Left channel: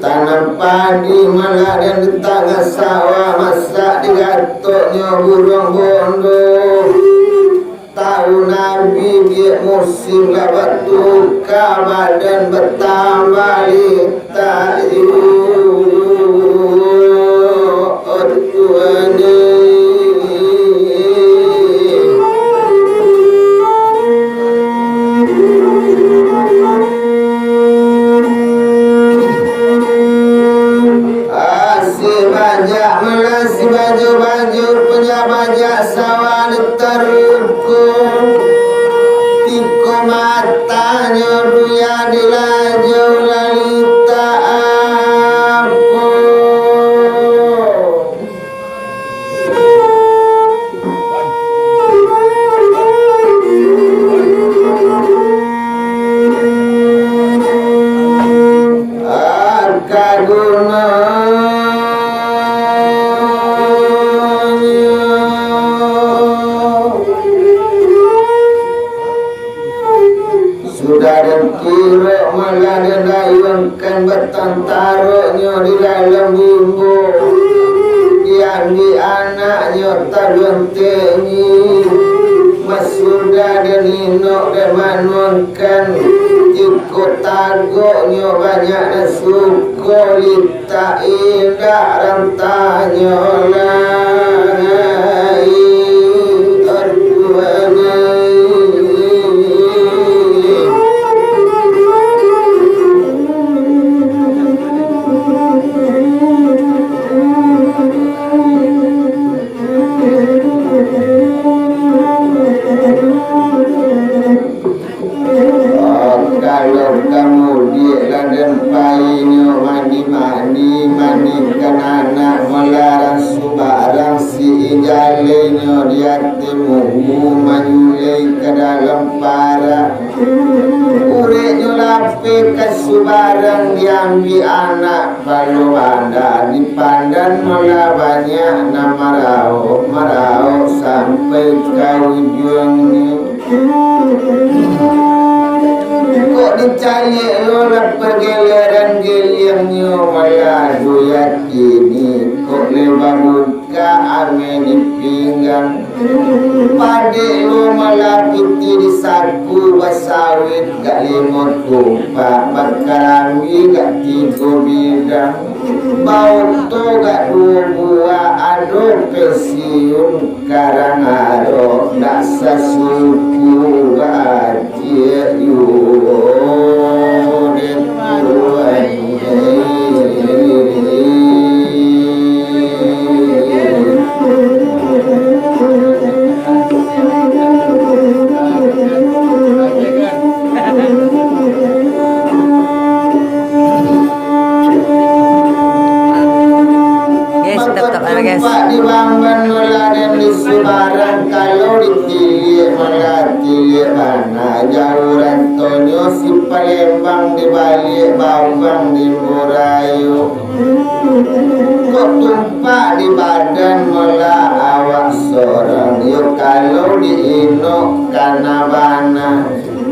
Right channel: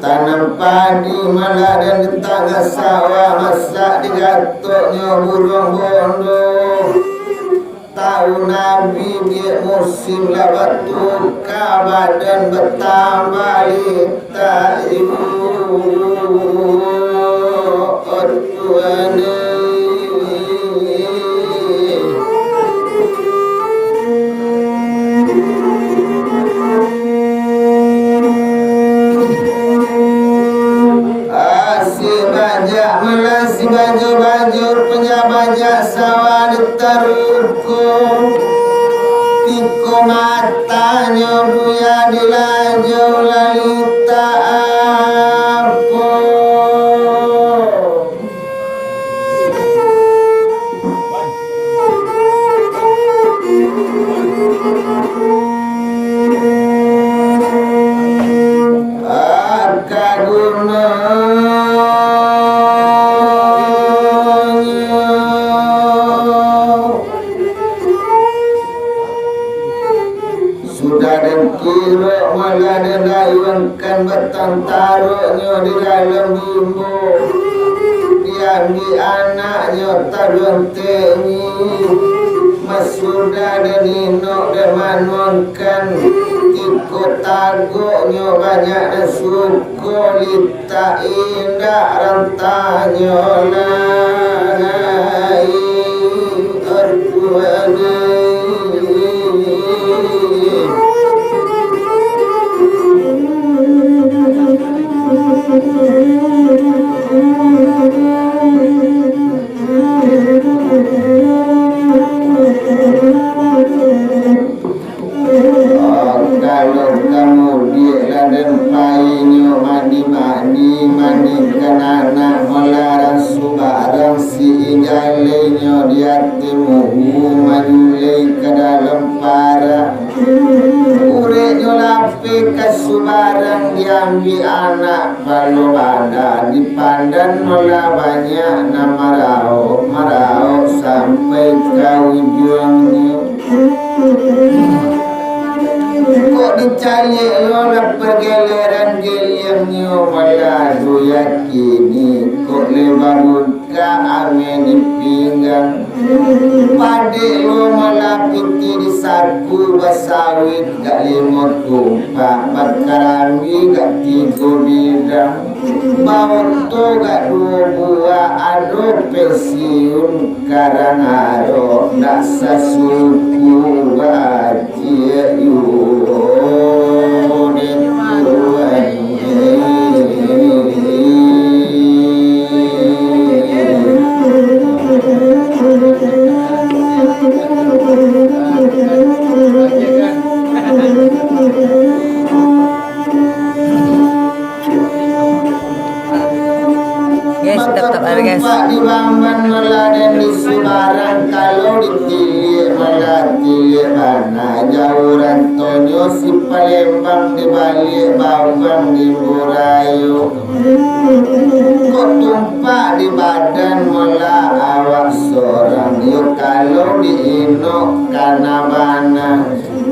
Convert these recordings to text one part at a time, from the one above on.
tanam padi malah dan di tengah sawah masak digatoknya burung bondo. Tahu Nabi dia musim dapat tuka badan bertambah lita baju penjabat sawah ditaruhku tiko matanya buya dilajau lalita aku akaguna kira malah dayangkan bertantaronya di dalam bimbo yang di anaknya tak bertemi masudah dan inok dan manonkan ikut tagoknya banyak suko lita indah rantanya lai aduh kalau kamu dia dan paynya mani-manikan anak melarang subarang si igalenya di hatimu mayulai ke dalam para urenya lapi ke subarang diambil anak baru ada di pandan mula banyak nama marau sampai ke ujung kok dicari lo nak pergelaran geliamnya malah yakini kok lebaruka angin di pinggang pada lo malah putih di saku basawit gak limut kumpak berkarangi gak tiga bidang bau tu gak dua buah aduh pensiun karang aro nak sasuku bahagia guys. Dibangun meladang di Semarang kalau dipilih melatih mana jauran tonyo si Palembang di balik bawang di Burayu kok tumpak di badan mula awak seorang yuk kalau di inok karena bana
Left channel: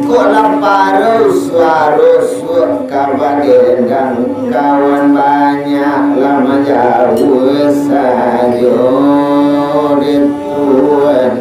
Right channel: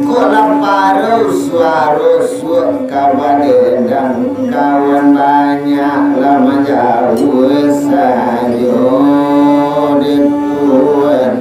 kok lapar suara kawan dendang kawan banyak lama jauh sayo dituan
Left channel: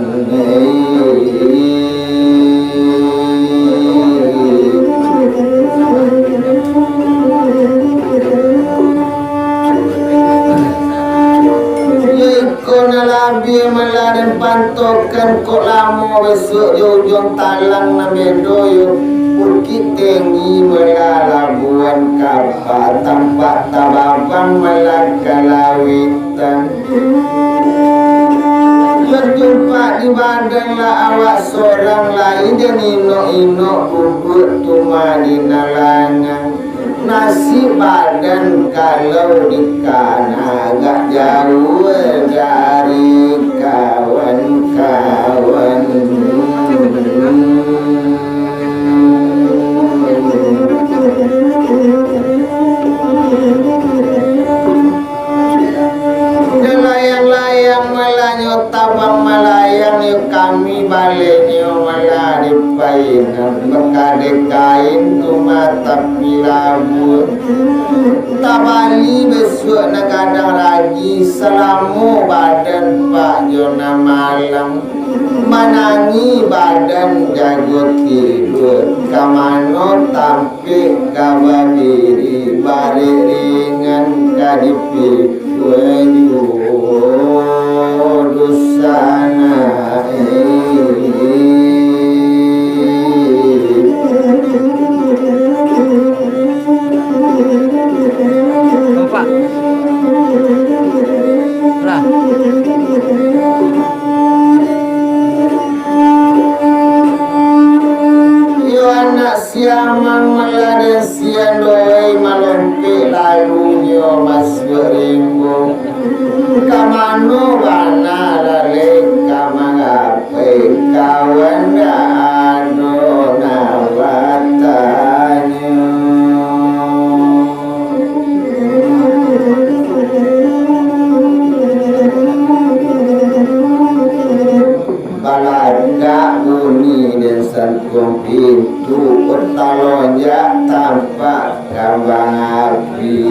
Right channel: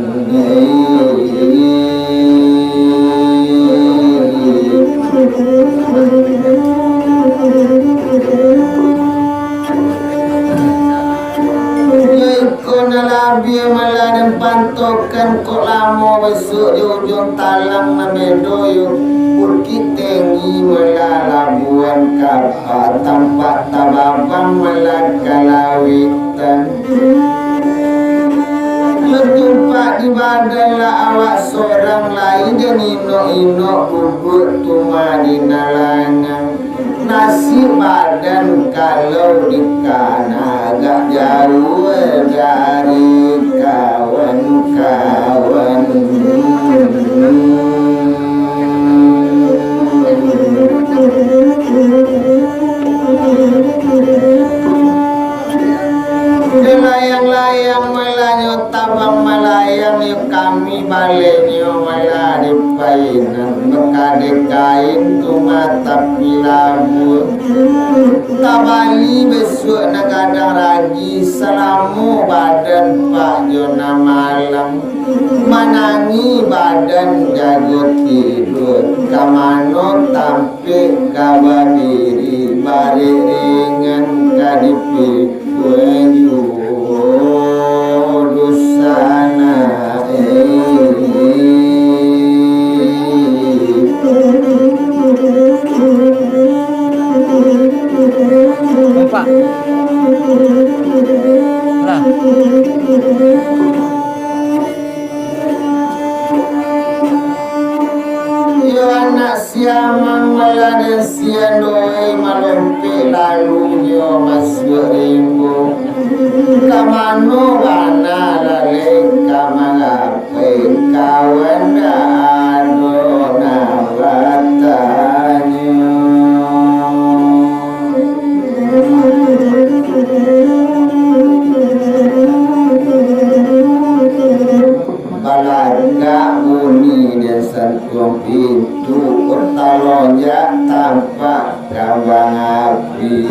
Nabi malah pantokan kok lama besok jauh talang na medoyo purki tengi malah labuan kapal tampak tababang malah kalawitan berjumpa di badan lah awak seorang lain dan ino-ino bubur tumalina lanang nasi badan kalau ikan agak jauh dari kawan-kawan layang-layang malanyo tabang malayang yuk kami balenyo malah dipainan bekade kain tumatap milabur tabani besok nak kadang lagi selamu badan Pak Jona malam manani badan jago tidur kamano tampe kabadiri baringan kadipi wayu dosana Pak. Lah. Yo anak siamang malade siandoi malempe lalu yo mas berimbu kamano bana lale kamanape kawanda adona batanyo balada uni desan itu utalonja tanpa kambang api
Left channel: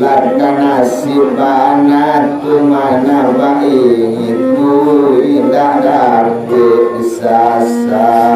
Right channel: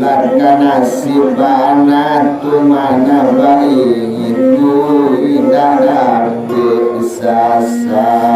lakana nasibana tumana baik itu tidak dapat sasalah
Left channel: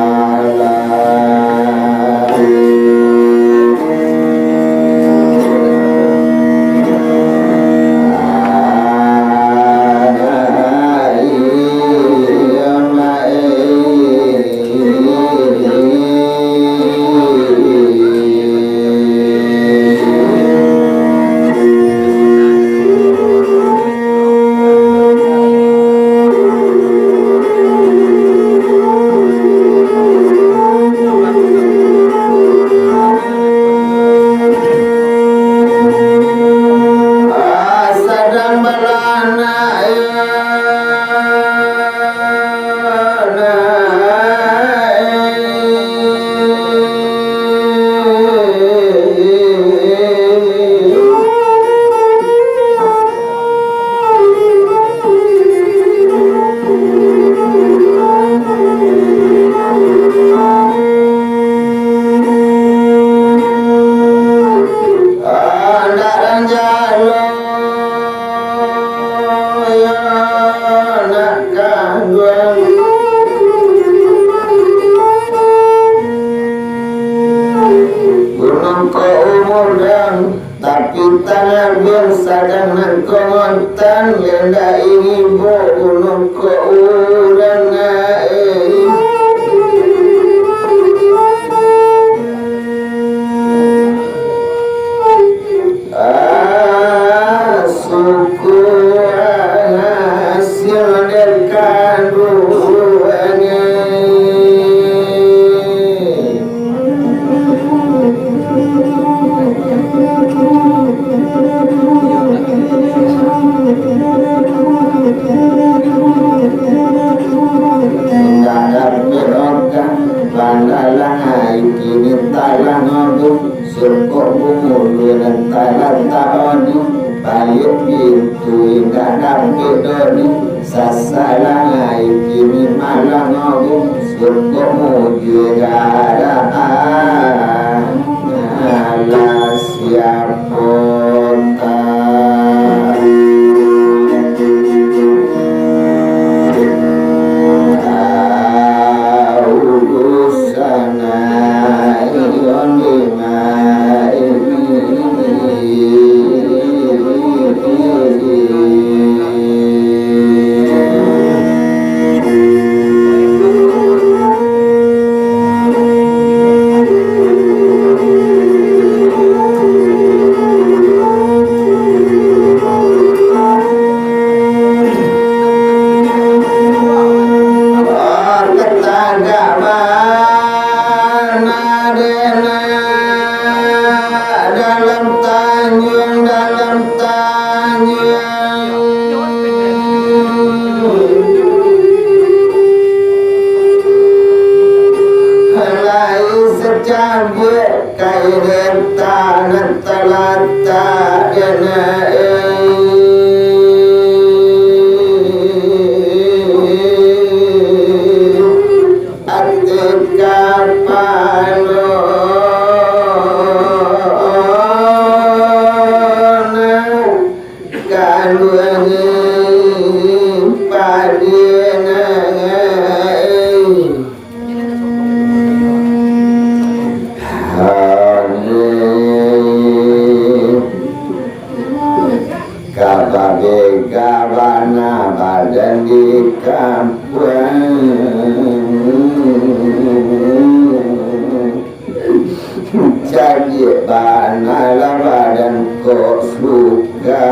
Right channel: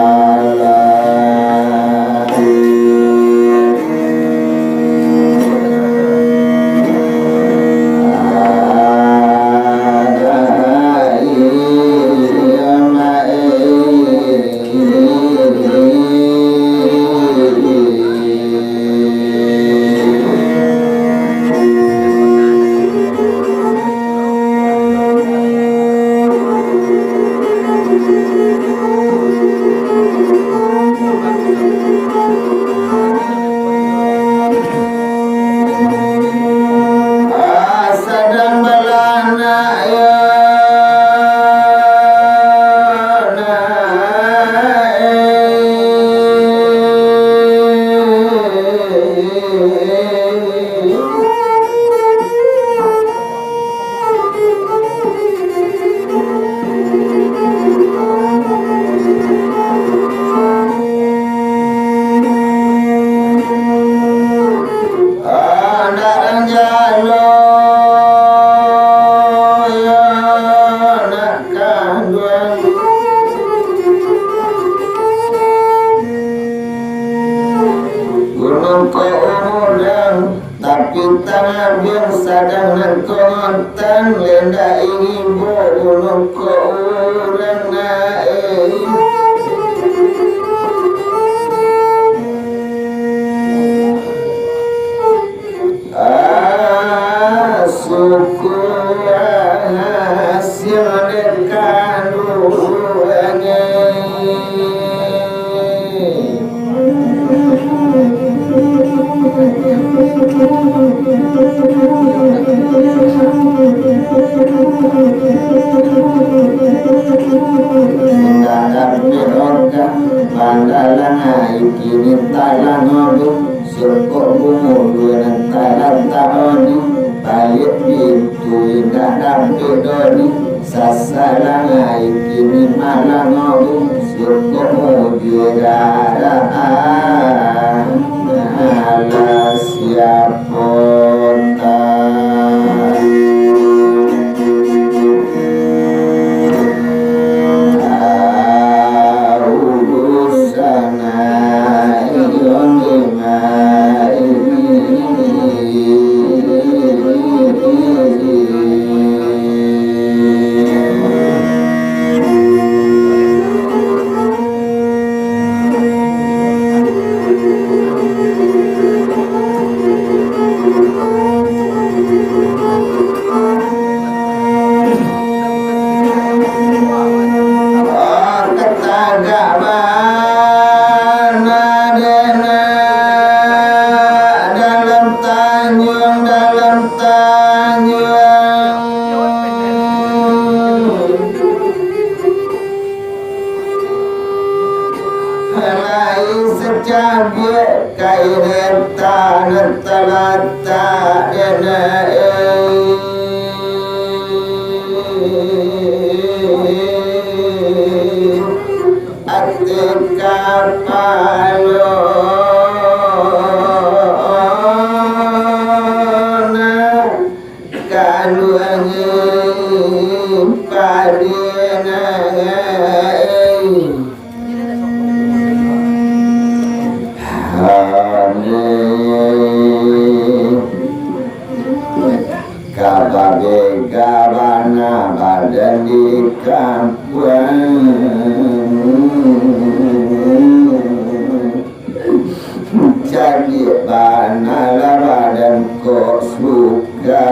kok suka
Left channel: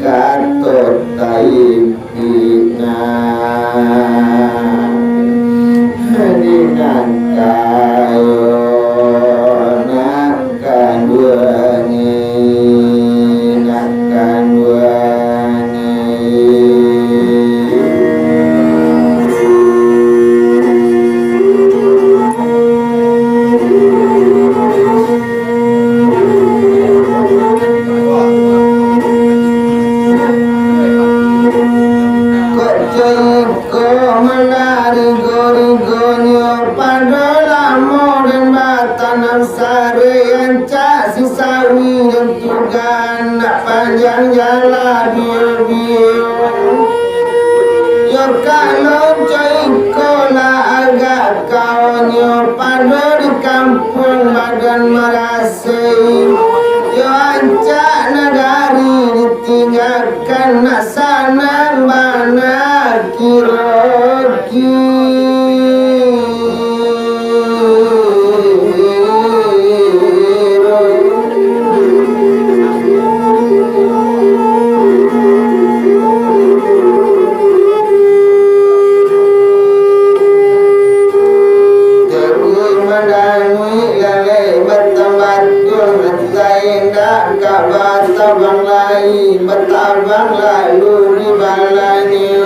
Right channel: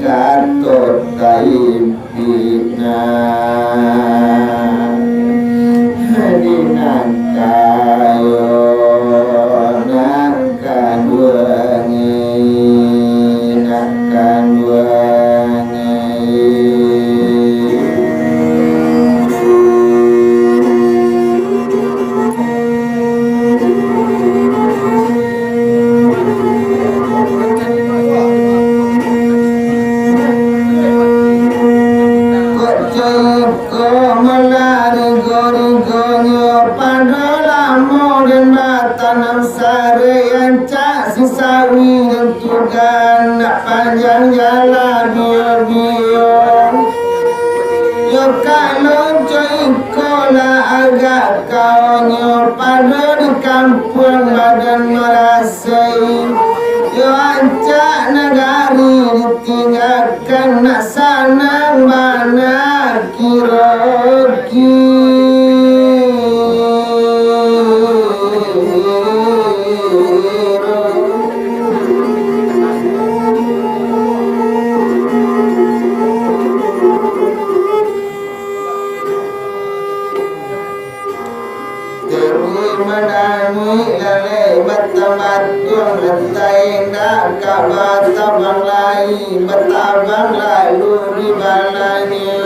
katut taipina hadinan kayo nakan duani nakan duani panjang jalan bio yo kalau coy kola agak kawanyo pada di kampung badan marasai yo ancak nagari ditinggalkan nak sana mana kiroki bertabang lalu di balanya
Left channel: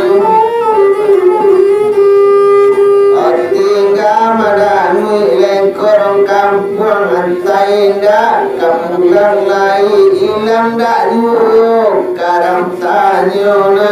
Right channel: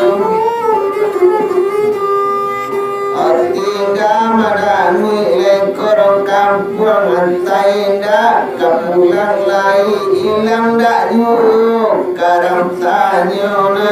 Artiga madanu lekor kampung antai dak kapulang lai ilang dak yuk karam tanyo na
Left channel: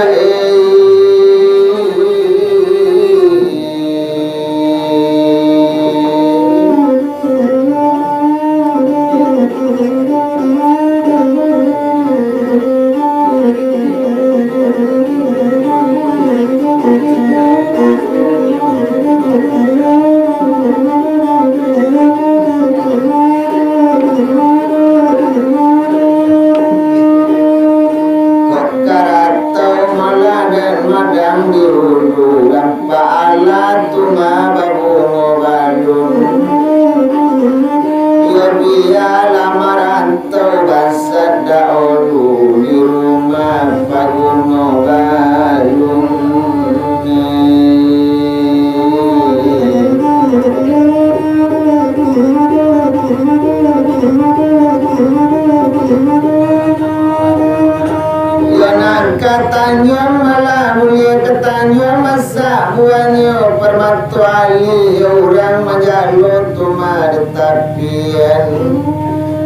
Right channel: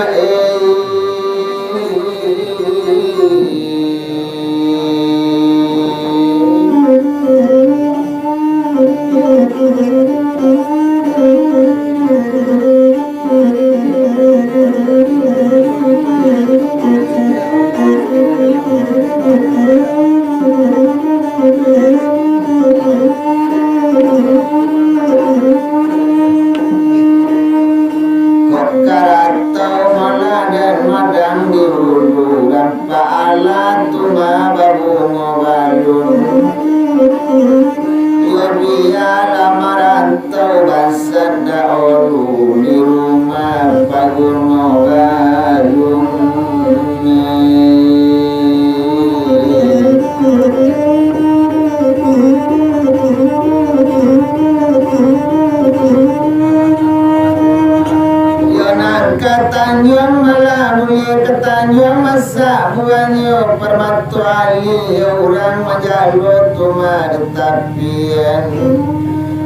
Tanjung Malamuni ke Tanjung Masa Buanyo permatuali orang majalot tuma detapian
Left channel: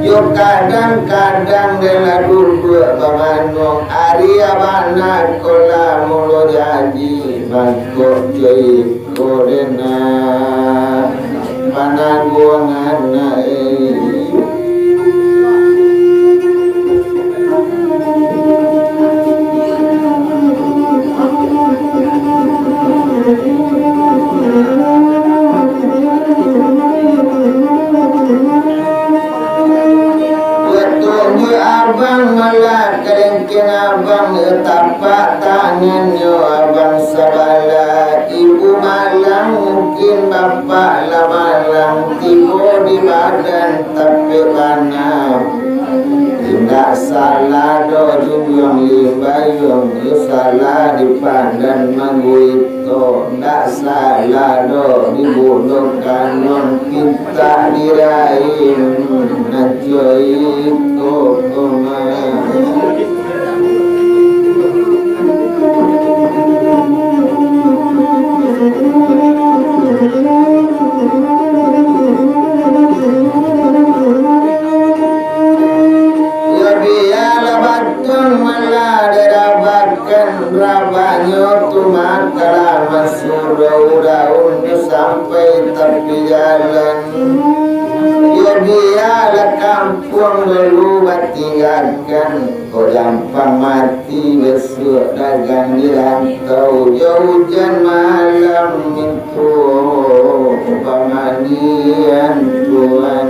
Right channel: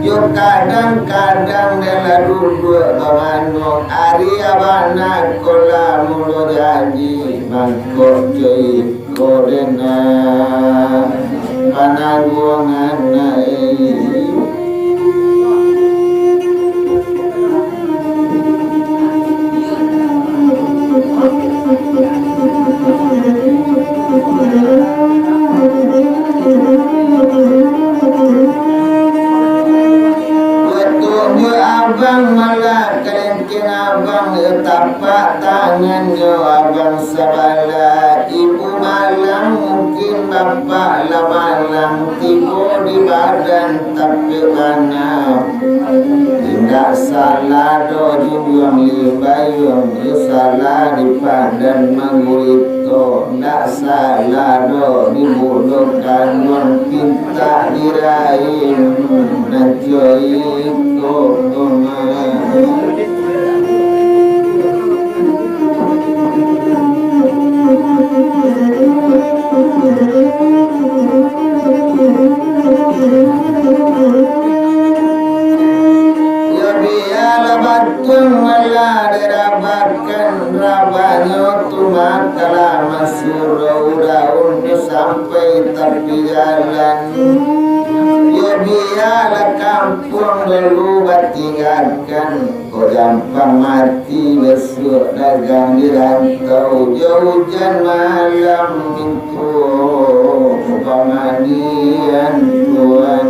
yo kadang-kadang dena duduk bangano ari abana kola mulo janji bangkok jai kodena manangguangan abang malah kerengkin abang tapak tangan yo abang sabala ibu malang mungkin bapak lamalang tibo di badan tapi banam tidak salah do junjung libayung salah di pandan mangguito tidak salah do dibunuh kanyang kita diraih najoi itu sampai tepi jalan dia ada kampung lalu batingakan kau gampang mati besok dagang di rantau jauh hujan malam mimpu pemanian Tuhan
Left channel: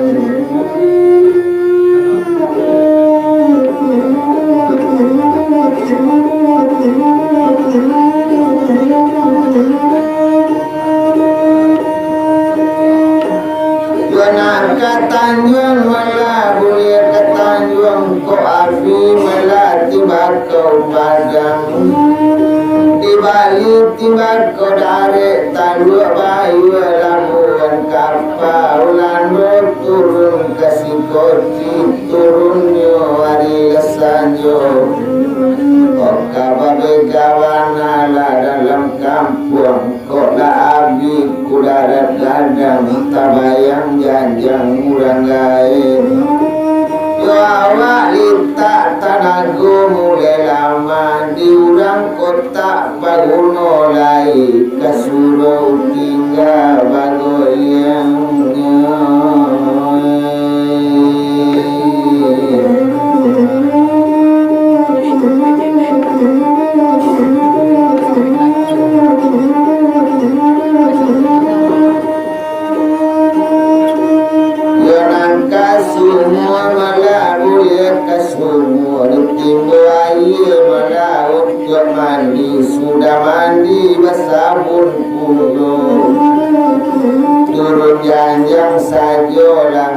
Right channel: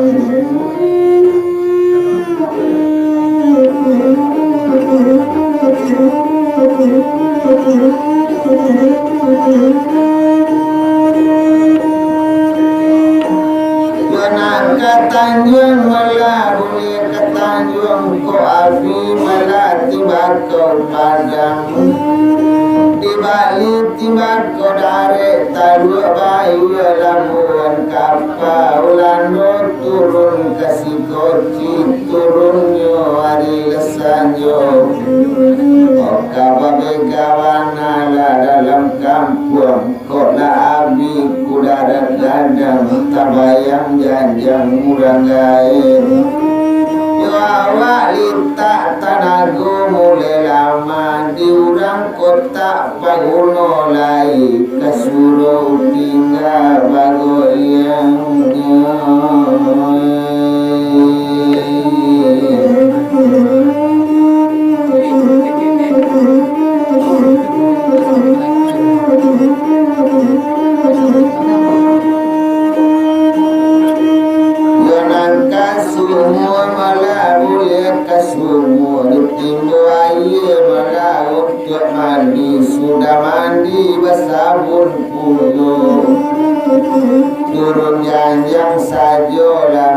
Tanjung malah boleh ke Tanjung ko afi melati bakau padang dibalik timbang ko dare talu bayu lamuan kapal lando turun kasih koti turunnya hari kesanjo kababe kawana dalam kampung kota abi kudara dandang tabayang janjang murangai yo awak lita tanago mulai lama diurang kota baguno lai kasuro tinggal bagoyang sudah mandi bersabun kudu turun janjang sajo lah